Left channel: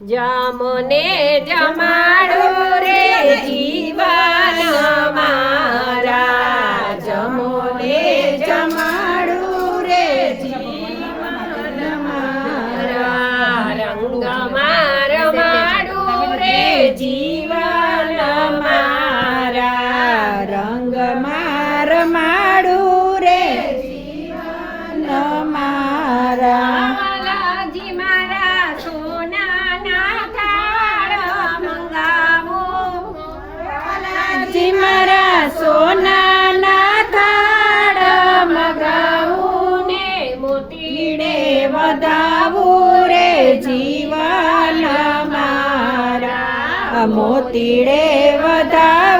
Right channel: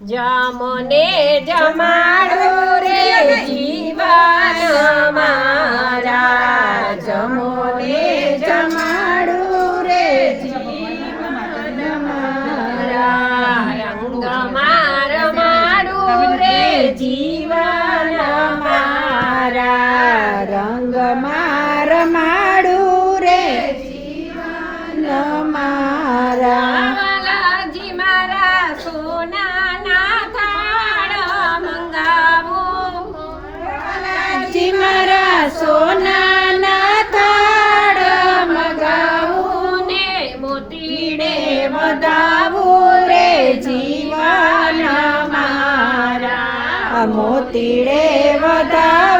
જમોને જમાડો રે જીવન મારા જમોને જમાડો રે જીવન મારા રંગ માર માડું રે જીવન મારા રંગ માર માડું રે જીવન મારા વાલાજી મારા સોનાના થાળ મંગાવો. જી મારા સોનાના થાળ મગાવું. ને મોતીડે વધાવું રે જીવન મારા. મોતીડે વધાવું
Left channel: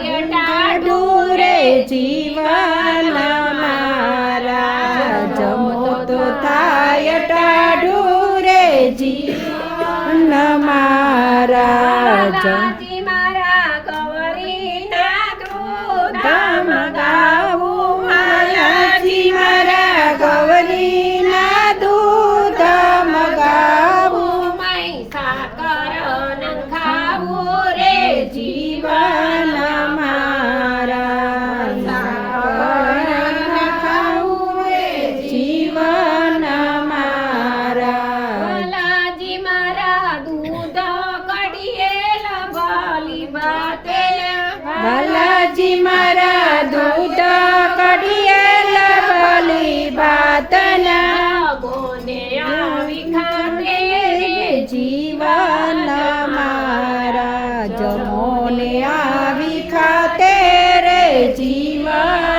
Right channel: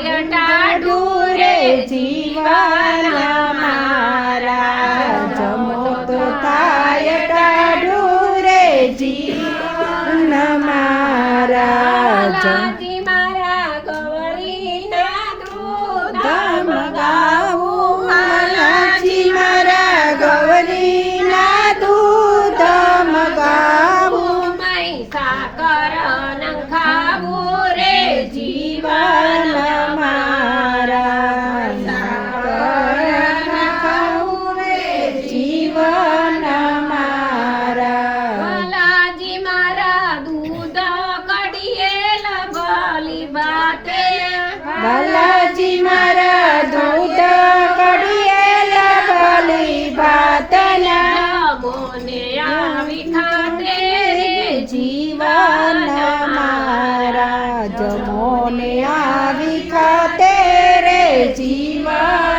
થાય લાડુ ટાડુ રે જીવન મારા. જમો તો થાય ટાઢુ રે જીવન મારા. જમ મારા ગવરી ના દૂધ ધમ બાતે બાલાજી મારા દૂધ કડિયેલ બલી ભાતના. મોને આવી ખાતે રે જીવન મારા જમોને આવી ખાતે રે જીવન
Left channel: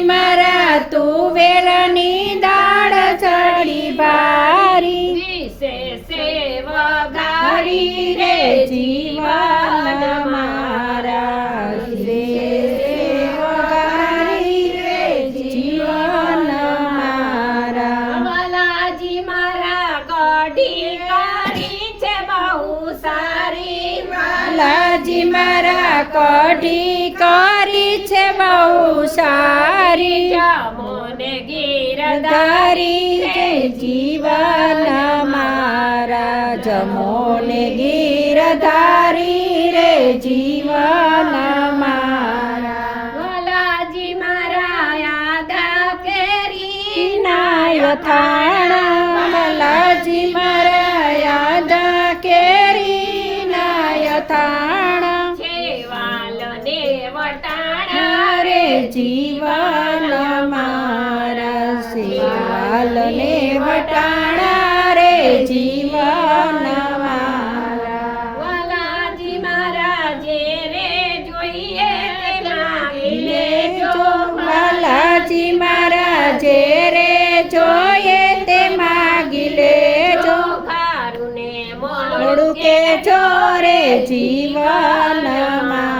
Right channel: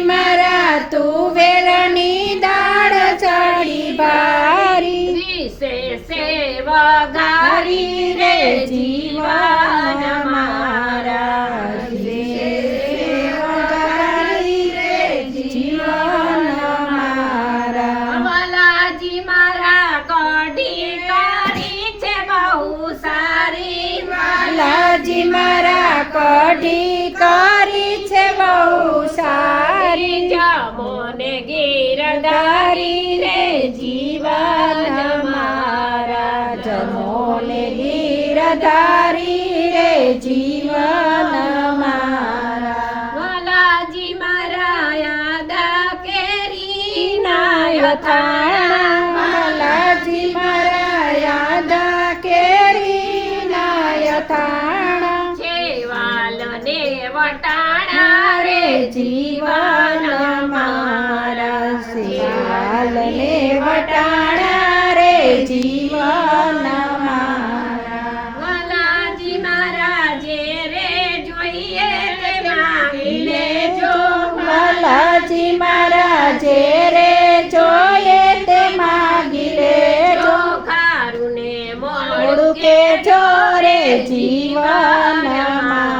ભલાજી તું વેલની દાળ ચડી બારી સેવા ગારી રે જીવન મારા. વગારી રે જીવન મારા. વાલાજી મારા કઢી કરી છે બહુ સારી. લાજી મારા કઢી કરી છે બહુ સારી મને ગીરધારી રે જીવન મારા. જમોને ગીરધારી રે જીવન વાલાજી મારા યાદા કેરી નાય થાણા રે જીવન મારા શિવાલને વટાણા રે જીવન મારા. મારા જે રે જોઈએ તે માગી લેજો જો બાલાજી મારા જે. રે મોડું મોડું કે જીવન મારા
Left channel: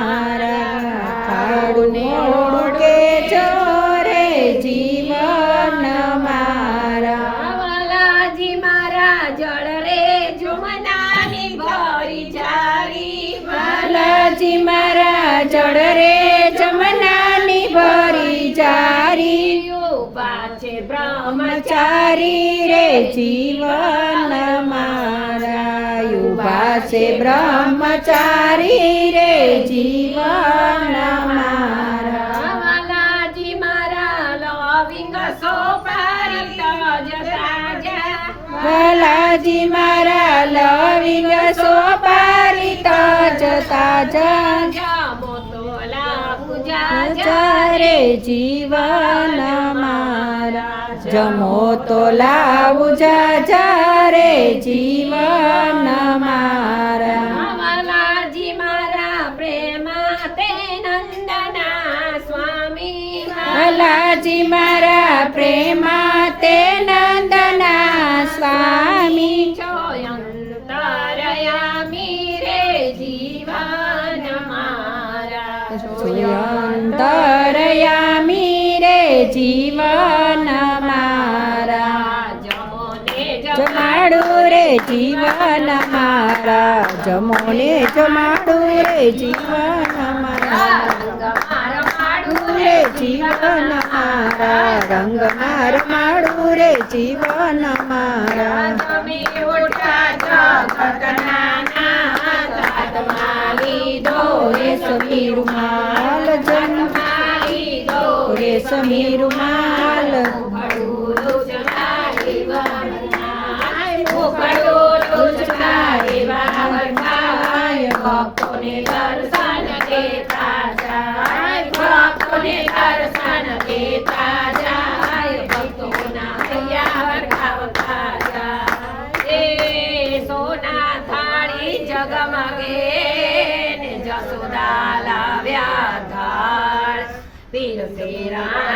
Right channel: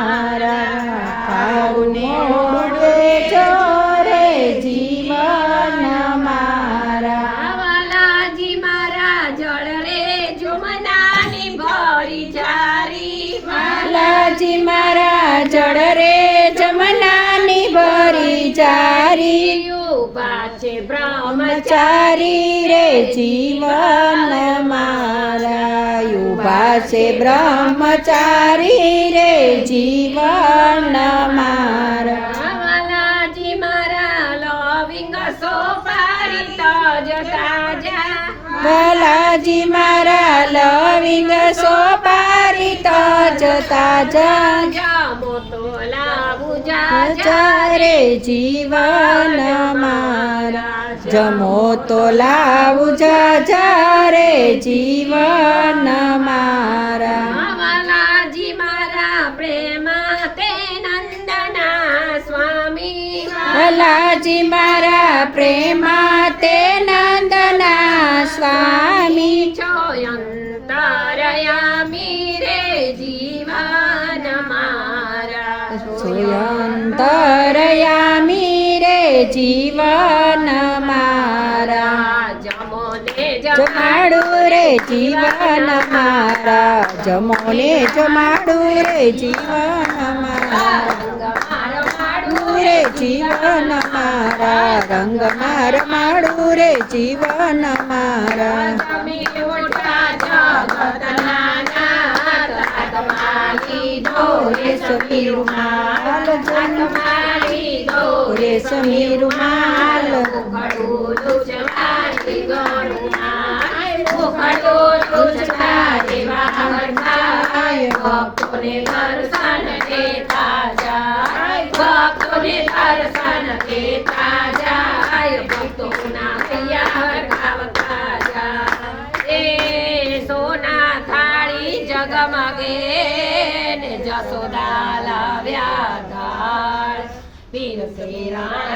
જારી મારા જળ રે જમનાની ભરી જારી. પાછે બ્રહ્મચારી રે જીવન મારા. ઊભા છે બ્રહ્મચારી રે જીવન મારા. ભલાજી મારા લવિંગ સોપારી તાજ તાજા. રે જીવન મારા. જમો તો લાવું જા રે જીવન મારા. હલાજી મારા પ્રેમા તે જીવન મારા. જમાડું રે જીવન મારા. જમોને જમાડું રે જીવન મારા. રે જીવન મારા. રંગમાં રમાડું રે જીવન મારા. જગતના લીધો રે રે સમીર માલ ભક્તોને દર્શન દેતા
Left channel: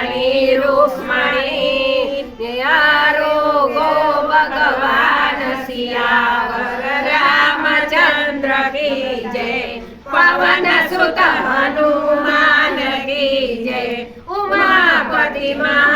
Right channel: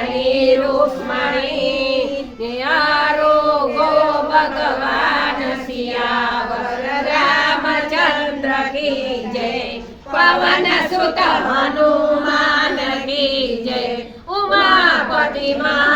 રાણી રૂકમણી ને આરોગો ભગવાન સિયાવર રામચંદ્ર કી જય, પવન સુત હનુમાન કી જય, ઉમાપતિ મહાદેવ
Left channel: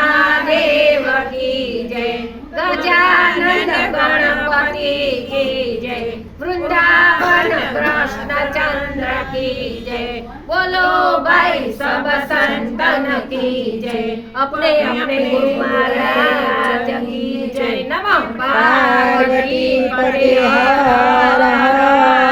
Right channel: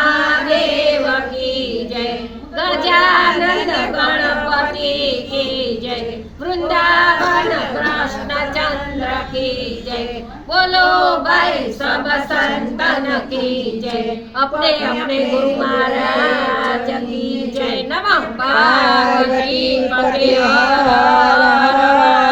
गणपति की जय वृंदावन कृष्ण चंद्र की जय बोलो भाई सब संतन की जय अपने अपने गुरु महाराज की जय नमः पार्वती पति हर हर